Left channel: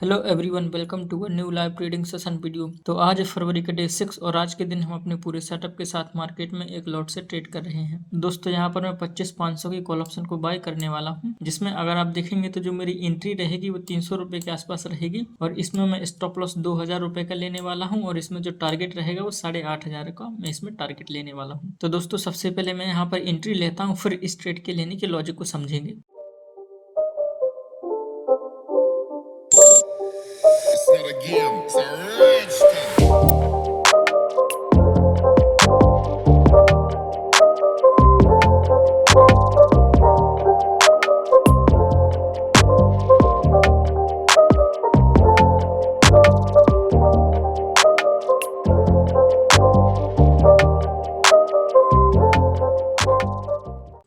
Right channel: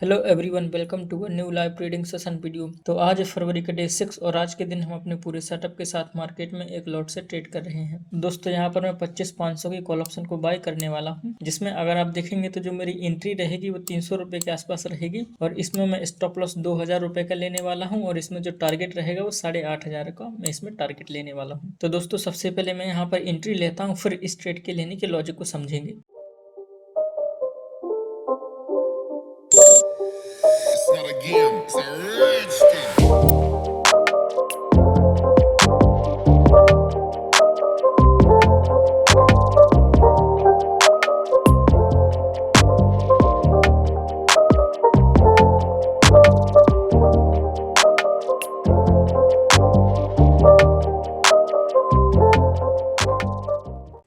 Hello everyone, welcome to a new live trading session video. तो आज है फरवरी का डे 6 और आज के दिन हम अपने पूरे सेटअप के साथ मार्केट में एक लॉट से ट्रेड कर रहे हैं। दोस्तों यहाँ पर मैं 25,500 की कॉल ऑप्शन को बाय करने वाला हूँ, जिसमें अगर आप देखेंगे तो जो मेरी एंट्री रहेगी वो 300 रुपये के आसपास रहेगी और इसमें मैं स्टॉप लॉस 2,000 रुपये का लेने वाला हूँ और इसमें जो टारगेट रहेगा वो 8,500 का मैं इसमें टारगेट लेने वाला हूँ। तो दोस्तों सबसे पहले मैं यहाँ पर एंट्री लेता हूँ, फिर इस ट्रेड के लेने के लॉजिक को समझेंगे। It's not a game, it's a rich thing.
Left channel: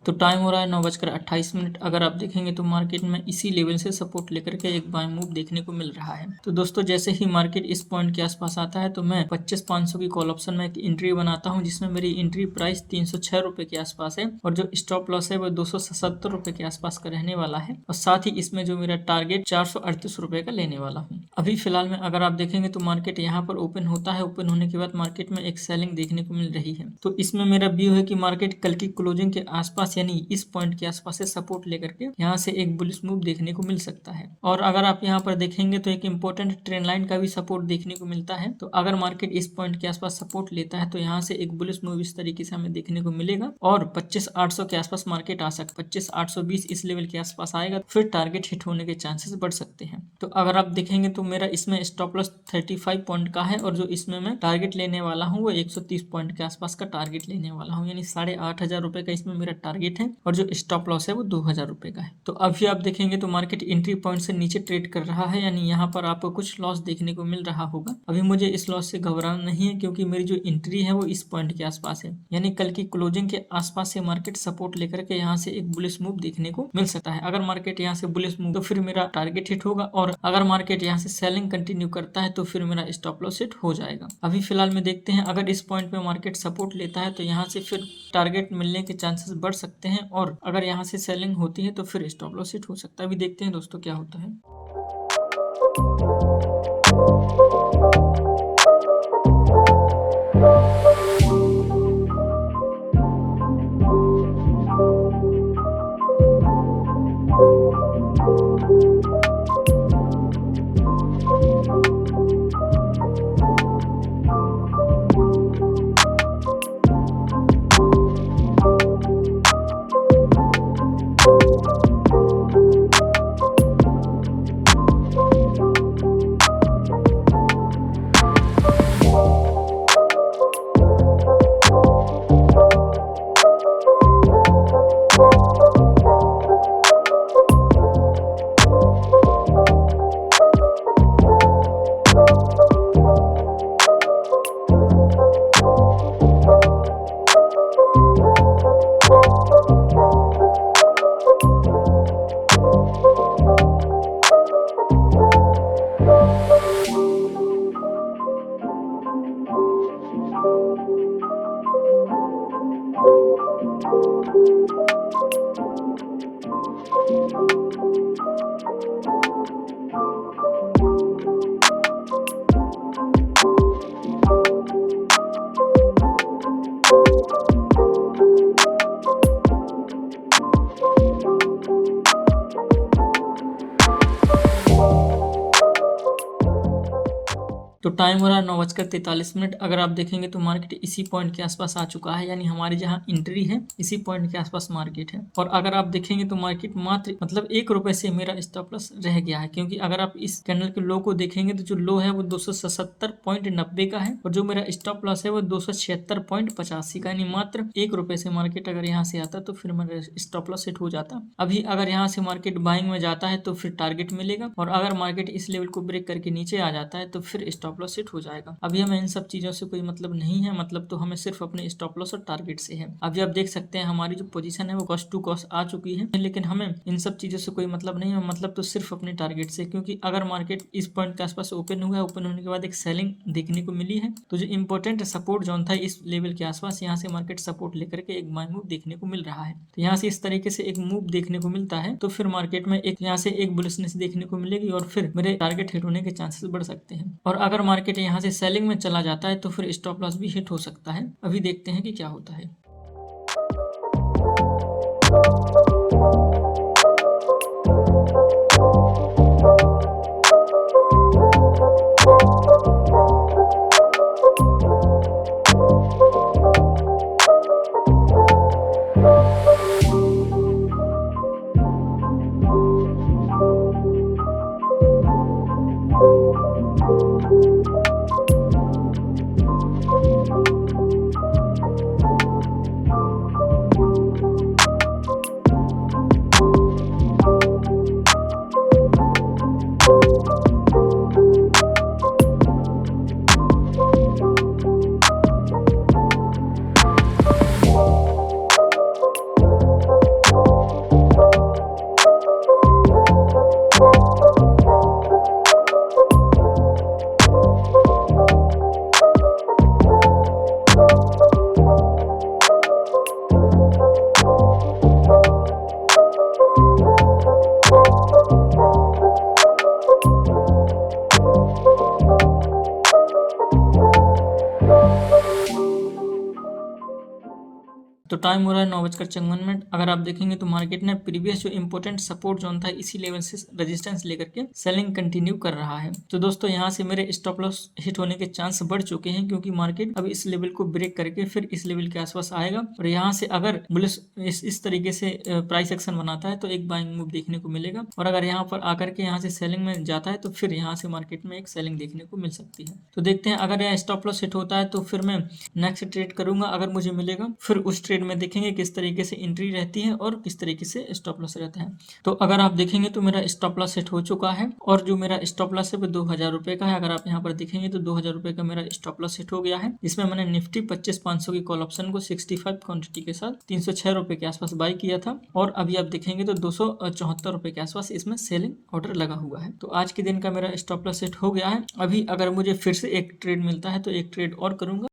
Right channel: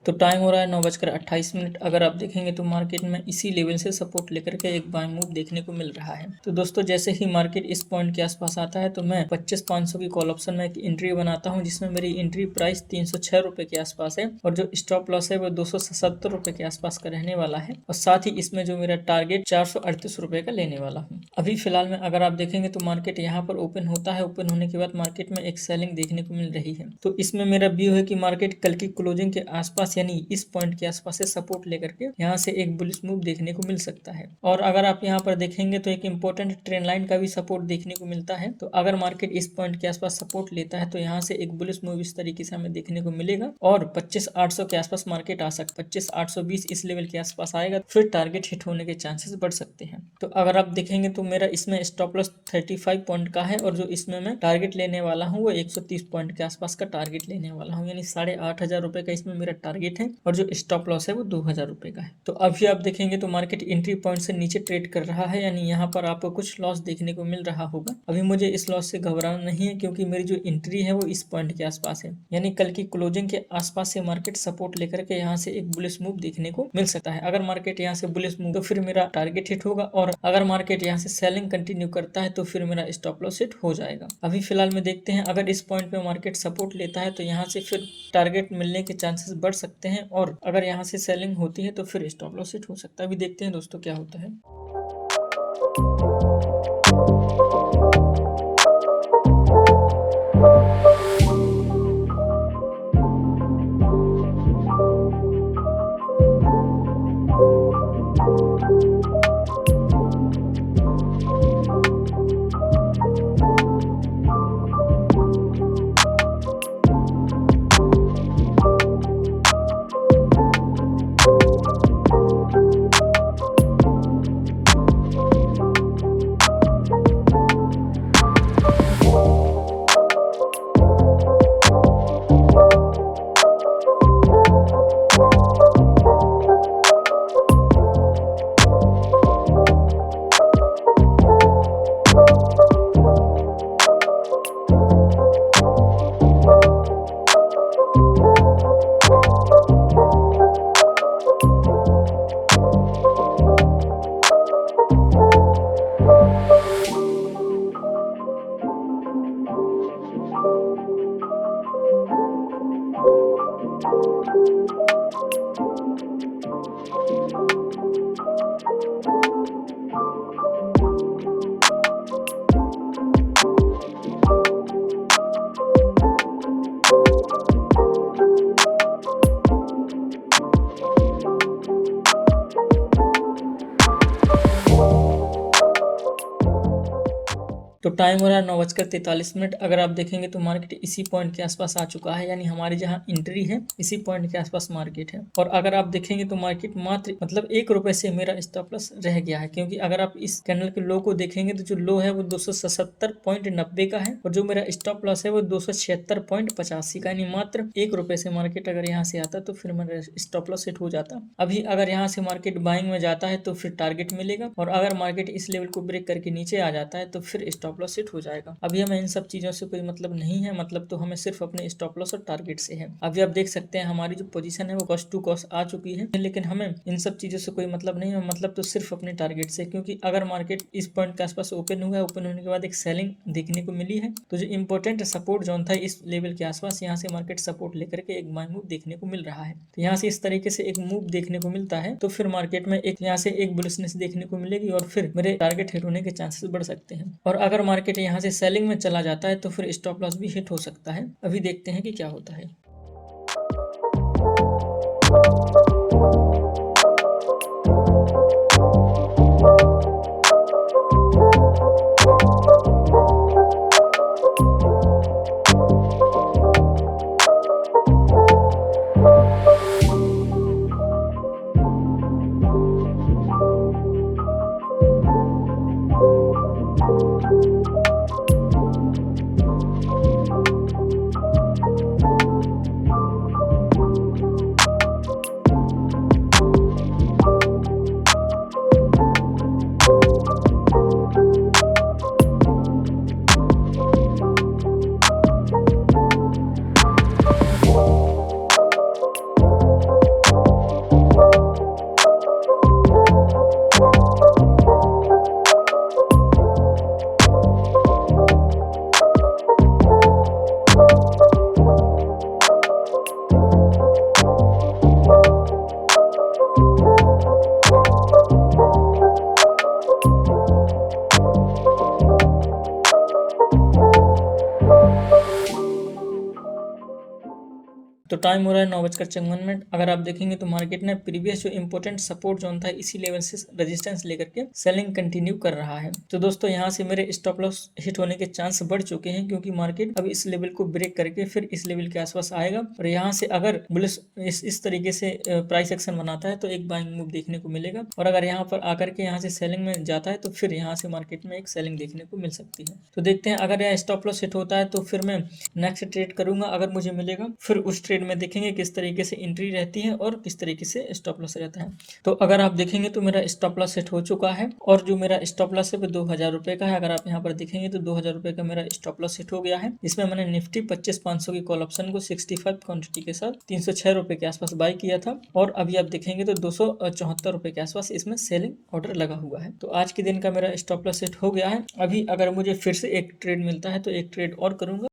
तो टाइम हो रहा है 9:28। अगर आप देखेंगे तो मार्केट में इसी लेवल से सपोर्ट लेकर के एक बाय मूव देखने को मिल रहा है। तो दोस्तों जैसे ही मार्केट इस पॉइंट के आसपास आता है तो मैं 25,500 की कॉल ऑप्शन में एक एंट्री बनाता हूं, जिसमें मेरी एंट्री प्राइस 306 रुपए के आसपास है और जो स्टॉप लॉस है वो 277 रुपए के आसपास का रहने वाला है और साथ ही इसमें जो मेरा टारगेट 438 रुपए का लेने वाला हूँ। अभी फिलहाल में अगर आप देखेंगे तो मार्केट यहाँ पर ओपन होता है, ओपन होने के बाद मार्केट में एक सेलिंग देखने को मिल रही है। तो इसमें मेरा व्यू है कि मार्केट कल की क्लोजिंग के आसपास यानी इस पॉइंट के आसपास से सपोर्ट लेकर के यहाँ से एक बुलिश मूव देखने को मिल सकता है। और अगर आप यहाँ पर देखेंगे तो एक इंपॉर्टेंट ट्रेंड लाइन का भी सपोर्ट देखने को मिलता है। तो अगर मार्केट इस पॉइंट के आसपास सपोर्ट लेता है तो यहाँ से एक बुलिश मूव इस तरीके से हमें देखने को मिलेगा और 25,800 के आसपास मार्केट आ सकता है। 25,820 इस लेवल के आसपास आएगा तो फिर टारगेट हिट होने के चांसेस बढ़ सकते हैं। तो अगर आप देखेंगे तो मेरा इसमें स्टॉप लॉस 35 पॉइंट का है और जो इसमें मैं टारगेट लेने वाला हूँ वो 130 पॉइंट के आसपास का टारगेट लेने वाला हूँ, यानी 8,500 रुपए का इसमें मेरा टारगेट है और जो स्टॉप लॉस है वो 2,000 रुपए का है। तो अभी आप देखेंगे तो मार्केट एंट्री पॉइंट से नीचे ट्रेड कर रहा है, यानी यहाँ पर आपको कुछ लॉस देखने को मिल रहा होगा। अभी मुझे इस लॉस से घबराना नहीं है क्योंकि मेरी जो एंट्री है वो इस पॉइंट के आसपास है, यानी कल की क्लोजिंग के आसपास से मार्केट सपोर्ट लेकर के यहाँ से एक बुलिश मूव देखने को मिल सकता है। अगर मार्केट यहाँ से बुलिश मूव तो फिर मेरा टारगेट हिट होगा और अगर मार्केट यहाँ से सेलिंग कंटिन्यू करता है तो फिर मेरा स्टॉप लॉस हिट हो जाएगा। अभी फिलहाल में देखते हैं, अगर इस पॉइंट पे मार्केट सपोर्ट लेता है तो यहाँ से फिर टारगेट मिलने के चांसेस बढ़ सकते हैं और अगर यहाँ से सेलिंग होती है तो फिर स्टॉप लॉस हिट हो सकता है। अभी देखते हैं दोस्तों क्या होता है। तो टाइम हो रहा है 9:43। अगर आप देखेंगे तो मार्केट इसी पॉइंट के आसपास आ चुका है, यानी हमारी जहां एंट्री है इसी पॉइंट के आसपास मार्केट है। और अगर आप देखेंगे तो मार्केट मात्र मतलब 1 रुपए से मेरा स्टॉप लॉस रह गया है, क्योंकि अगर आप इस कैंडल के लो को देखेंगे तो जो लो है वो 277.90 का है और जो मेरा स्टॉप लॉस है वो 276.85 का, यानी मात्र 1 रुपए से मार्केट अगर यहाँ से आता तो फिर मेरा स्टॉप लॉस हिट हो जाता। अभी अगर यहाँ से मार्केट बाइंग में जाता है तो फिर टारगेट मिलेगा और अगर मार्केट इस लेवल को ब्रेक करके नीचे आ जाता है तो फिर स्टॉप स्टॉप लॉस हिट हो जाएगा। अभी हमें इन सब चीजों से कोई मतलब नहीं है, मतलब तो हमें सिर्फ अपने स्टॉप लॉस और टारगेट से है। अभी आप देख सकते हैं हमारी जो पोजीशन है वो कॉस्ट टू कॉस्ट आ चुकी है, लेकिन हमें इन सब चीजों से कोई मतलब नहीं है, मतलब तो सिर्फ अपने टारगेट से। क्योंकि अगर मार्केट इस पॉइंट के आसपास ओपन हुआ है, ओपन होने के बाद एक सेलिंग देखने को मिली है, तो जो इंपॉर्टेंट सपोर्ट जोन था इस लेवल के आसपास, यहाँ से मार्केट सपोर्ट लेकर के एक बाय मूव देखने को मिल रहा है। तो यहाँ से इस तरीके से एक मूव देखने को मिलता है तो फिर मार्केट में एक यहाँ से एक बुलिशनेस देखने को मिलेगी और फिर मेरे टारगेट हिट होने के चांसेस बढ़ सकते हैं। और अगर मार्केट यहाँ से सेलिंग में चला जाता है तो फिर स्टॉप लॉस भी हिट हो सकता है। अभी देखते हैं कि क्या होता है। तो टाइम हो रहा है 9:54। अगर आप देखेंगे तो मार्केट ने प्रीवियस जो इंपॉर्टेंट सपोर्ट जोन था इसी लेवल से रेजिस्टेंस लेकर के सेलिंग कंटिन्यू कर रहा है। तो दोस्तों यहाँ से मेरे स्टॉप लॉस हिट होने के चांस बढ़ चुके हैं, क्योंकि मार्केट अब इस लेवल को ब्रेक करके फिर इस लेवल के आसपास आएगा और यहाँ से अगर बुलिश इस तरीके से प्राइस एक्शन बनाता है तो एक बाइंग मूव देखने को मिलेगा, और अगर यहाँ पर आकर के यहाँ से सेलिंग में जाता है तो फिर यहाँ से मार्केट में एक सेलिंग देखने को मिल सकती है। तो देखते हैं अगर यह स्टॉप लॉस हिट होता है तो फिर मैं नेक्स्ट ट्रेड करूंगा। अगर मुझे मिलेगा फिर उस ट्रेड में देखेंगे किस तरीके से एंट्री रहती है और किस तरीके से स्टॉप लॉस रहता है। तो अगर आप देखेंगे तो मेरा स्टॉप लॉस सेट हो चुका है और जो मेरा स्टॉप लॉस है वो 2000 रुपए का है। अगर आप यहाँ पर देखेंगे तो 2000 रुपए का मेरा स्टॉप लॉस सेट हो गया है। इसमें मैंने निफ्टी 25,500 की कॉल ऑप्शन को 65 क्वांटिटी के साथ 306 रुपए के आसपास बाय किया था और अभी आप देखेंगे तो 274 रुपए के आसपास इसमें सेलिंग ऑर्डर लगा हुआ है। तो आज के दिन का मेरा स्टॉप लॉस सेट हो गया है। अभी अगर मुझे फिर से एक ट्रेड मिलता है तो एक ट्रेड और करूंगा।